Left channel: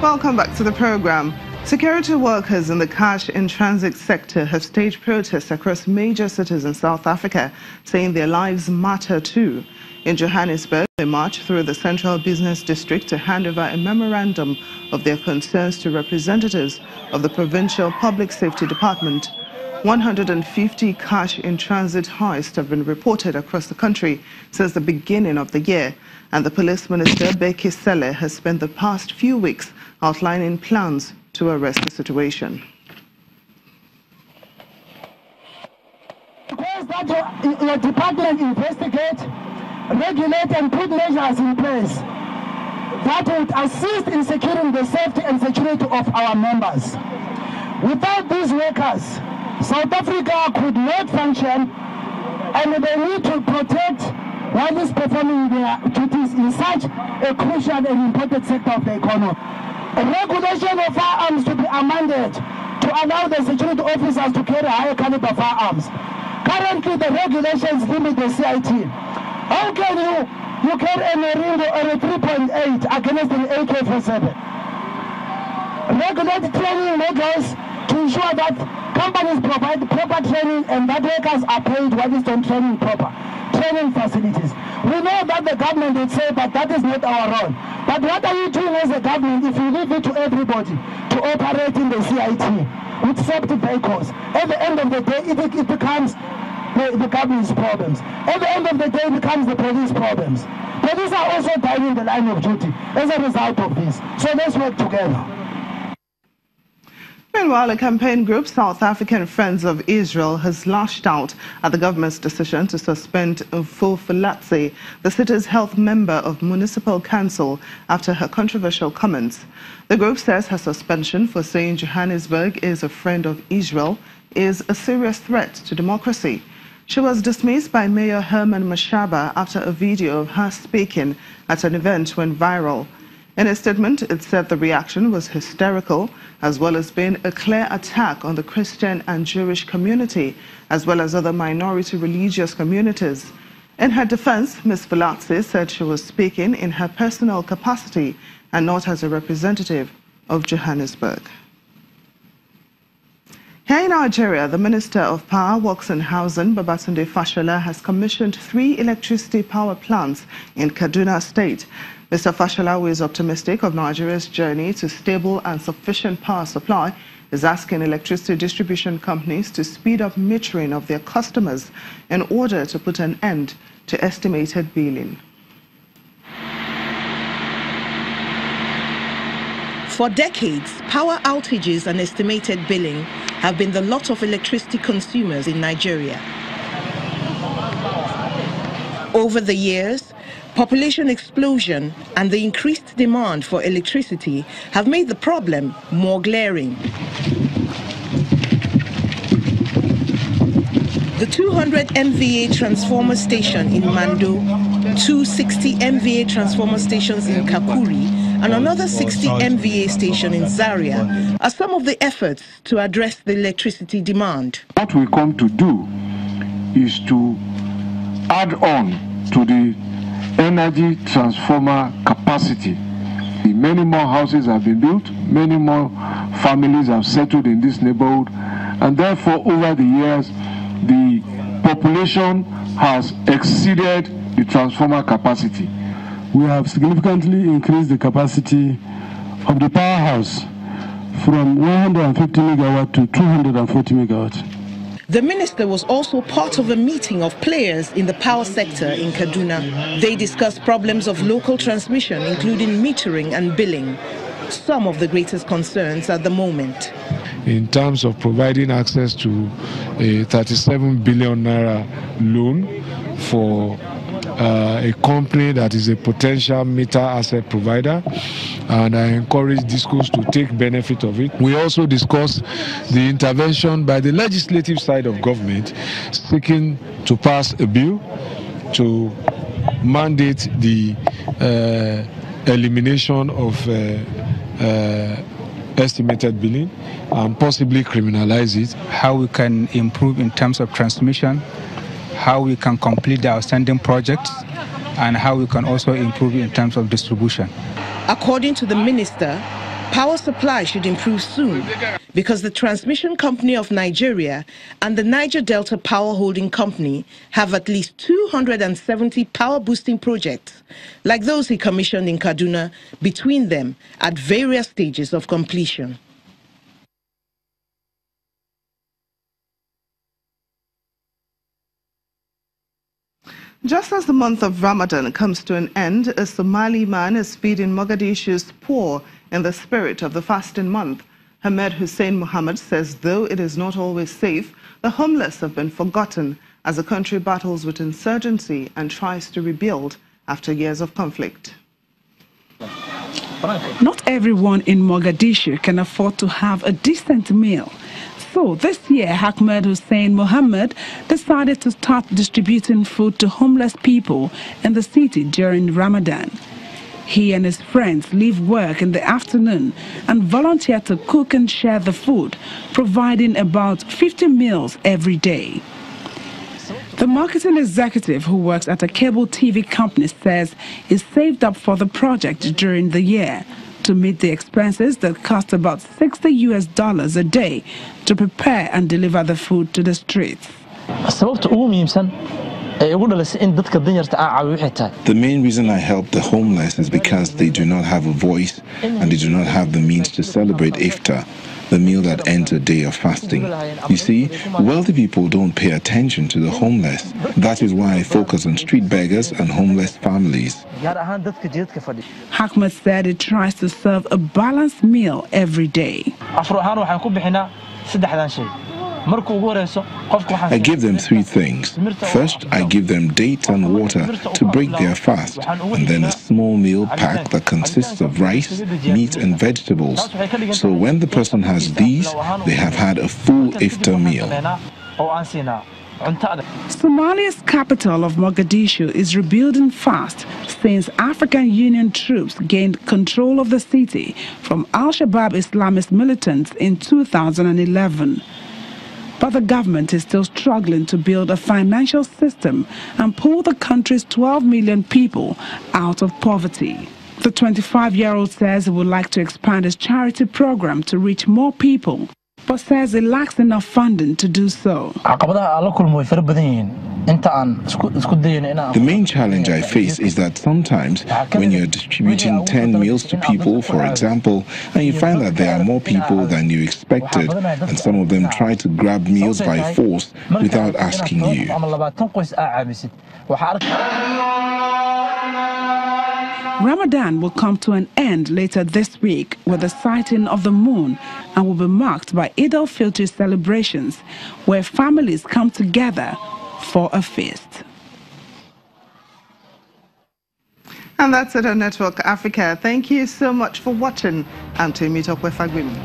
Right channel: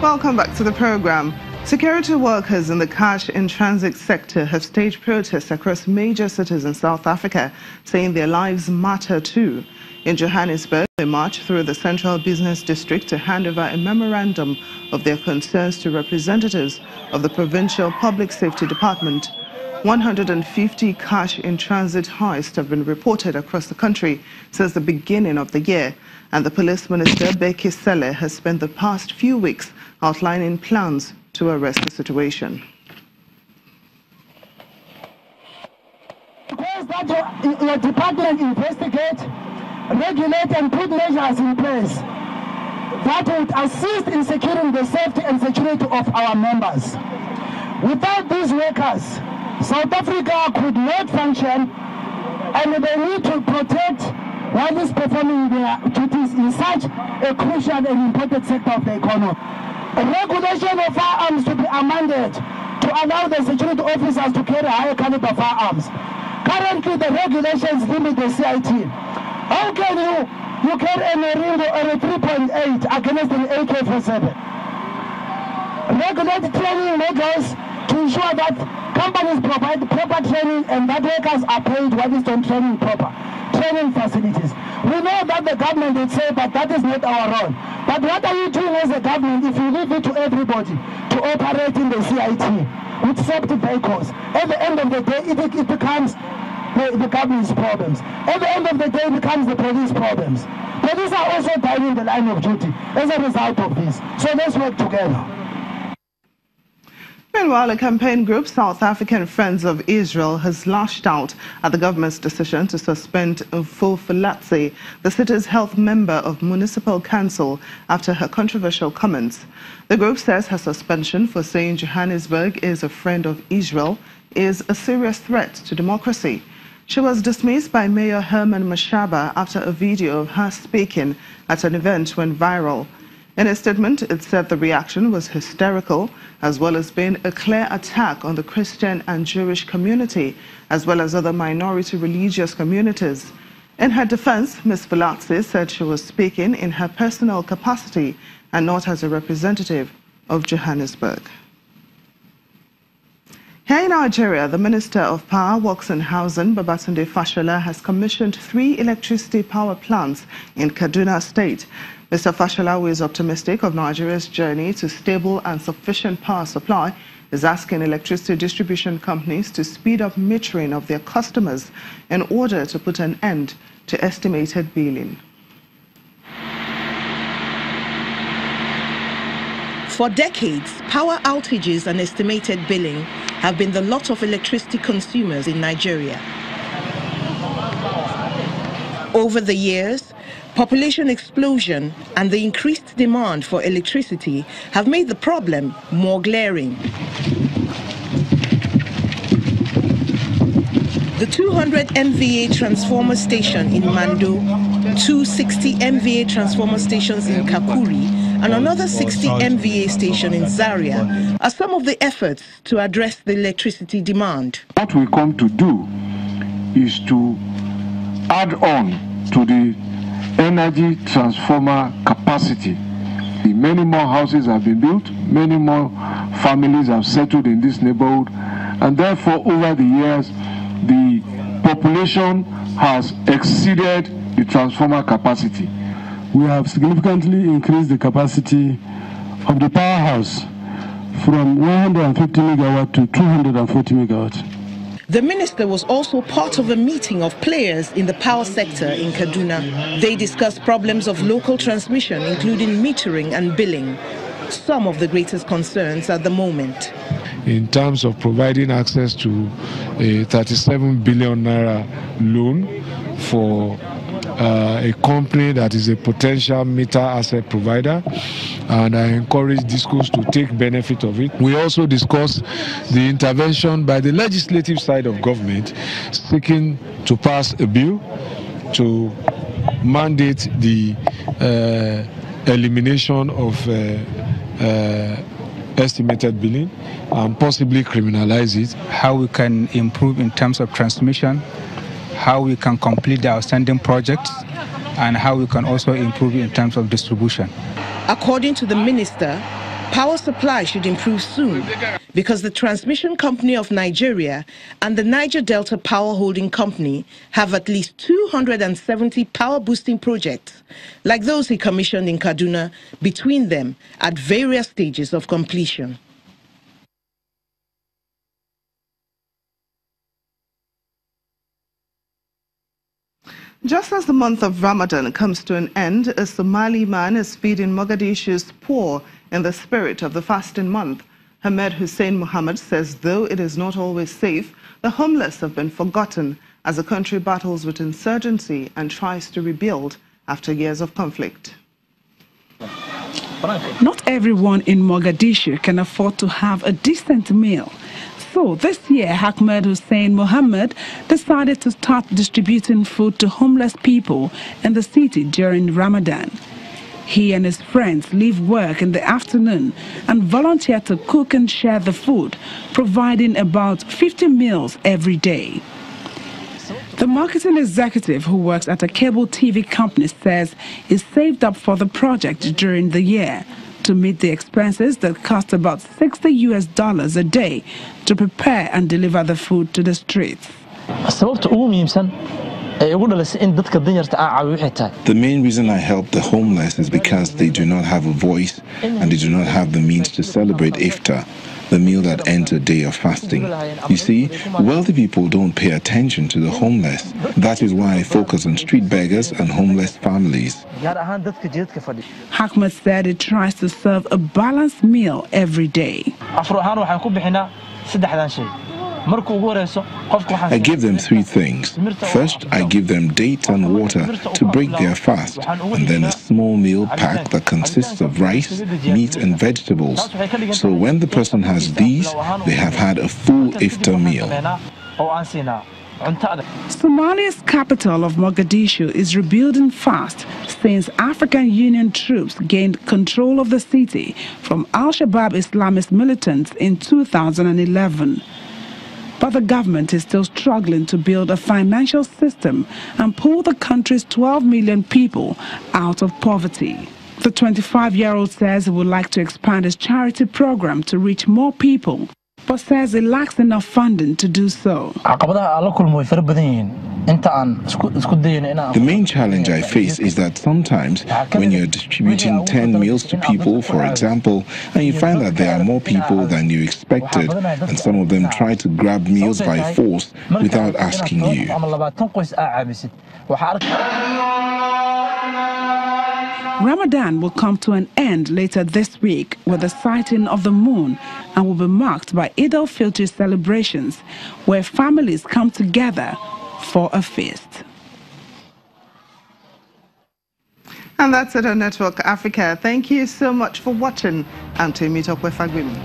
Welcome back to the program. Security workers in the cash in transit sector have staged protests across major cities in South Africa, saying their lives matter too. In Johannesburg, they marched through the central business district to hand over a memorandum of their concerns to representatives of the Provincial Public Safety Department. 150 cash in transit heists have been reported across the country since the beginning of the year, and the Police Minister, Becky Cele, has spent the past few weeks outlining plans to arrest the situation. Request that your department investigate, regulate and put measures in place that would assist in securing the safety and security of our members. Without these workers, South Africa could not function, and they need to protect while is performing their duties in such a crucial and important sector of the economy. A regulation of firearms to be amended to allow the security officers to carry higher caliber firearms. Currently, the regulations limit the CIT. How can you carry a Meringo or a 3.8 against an AK-47? Regulate training measures to ensure that companies provide proper training and that workers are paid while it's on training facilities. We know that the government would say that that is not our role. But what are you doing as a government if you leave it to everybody to operate in the CIT with safety vehicles? At the end of the day, it becomes the government's problems. At the end of the day, it becomes the police problems. Police are also dying in the line of duty as a result of this. So let's work together. Meanwhile, a campaign group, South African Friends of Israel, has lashed out at the government's decision to suspend Mfufulatse, the city's health member of municipal council, after her controversial comments. The group says her suspension for saying Johannesburg is a friend of Israel is a serious threat to democracy. She was dismissed by Mayor Herman Mashaba after a video of her speaking at an event went viral. In a statement, it said the reaction was hysterical, as well as being a clear attack on the Christian and Jewish community, as well as other minority religious communities. In her defense, Ms. Fulatse said she was speaking in her personal capacity and not as a representative of Johannesburg. Here in Nigeria, the Minister of Power, Works and Housing, Babatunde Fashola, has commissioned 3 electricity power plants in Kaduna State. Mr. Fashola, who is optimistic of Nigeria's journey to stable and sufficient power supply, is asking electricity distribution companies to speed up metering of their customers in order to put an end to estimated billing. For decades, power outages and estimated billing have been the lot of electricity consumers in Nigeria. Over the years, population explosion and the increased demand for electricity have made the problem more glaring. The 200 MVA transformer station in Mando, 260 MVA transformer stations in Kakuri, and another 60 MVA station in Zaria are some of the efforts to address the electricity demand. What we come to do is to add on to the energy transformer capacity. Many more houses have been built, many more families have settled in this neighborhood, and therefore over the years the population has exceeded the transformer capacity. We have significantly increased the capacity of the powerhouse from 150 megawatt to 240 megawatt. The minister was also part of a meeting of players in the power sector in Kaduna. They discussed problems of local transmission, including metering and billing, some of the greatest concerns at the moment. In terms of providing access to a 37 billion naira loan for a company that is a potential meter asset provider, and I encourage DISCOs to take benefit of it. We also discussed the intervention by the legislative side of government seeking to pass a bill to mandate the elimination of estimated billing and possibly criminalize it. How we can improve in terms of transmission, how we can complete the outstanding projects, and how we can also improve in terms of distribution. According to the minister, power supply should improve soon because the Transmission Company of Nigeria and the Niger Delta Power Holding Company have at least 270 power boosting projects, like those he commissioned in Kaduna, between them at various stages of completion. Just as the month of Ramadan comes to an end, a Somali man is feeding Mogadishu's poor in the spirit of the fasting month. Ahmed Hussein Mohammed says though it is not always safe, the homeless have been forgotten as the country battles with insurgency and tries to rebuild after years of conflict. Not everyone in Mogadishu can afford to have a decent meal. So this year, Ahmed Hussein Mohammed decided to start distributing food to homeless people in the city during Ramadan. He and his friends leave work in the afternoon and volunteer to cook and share the food, providing about 50 meals every day. The marketing executive who works at a cable TV company says he saved up for the project during the year to meet the expenses that cost about $60 a day to prepare and deliver the food to the streets. The main reason I help the homeless is because they do not have a voice and they do not have the means to celebrate Iftar, the meal that ends a day of fasting. You see, wealthy people don't pay attention to the homeless. That is why I focus on street beggars and homeless families. Ahmed said he tries to serve a balanced meal every day. I give them three things. First, I give them dates and water to break their fast, and then a small meal pack that consists of rice, meat and vegetables. So when the person has these, they have had a full iftar meal. Somalia's capital of Mogadishu is rebuilding fast since African Union troops gained control of the city from Al-Shabaab Islamist militants in 2011. But the government is still struggling to build a financial system and pull the country's 12 million people out of poverty. The 25-year-old says he would like to expand his charity program to reach more people, but says he lacks enough funding to do so. The main challenge I face is that sometimes when you're distributing 10 meals to people, for example, and you find that there are more people than you expected, and some of them try to grab meals by force without asking you. Ramadan will come to an end later this week with the sighting of the moon and will be marked by Eid al-Fitr celebrations where families come together for a feast. And that's it on Network Africa. Thank you so much for watching. I'm Temi Tokwe Fagbemi.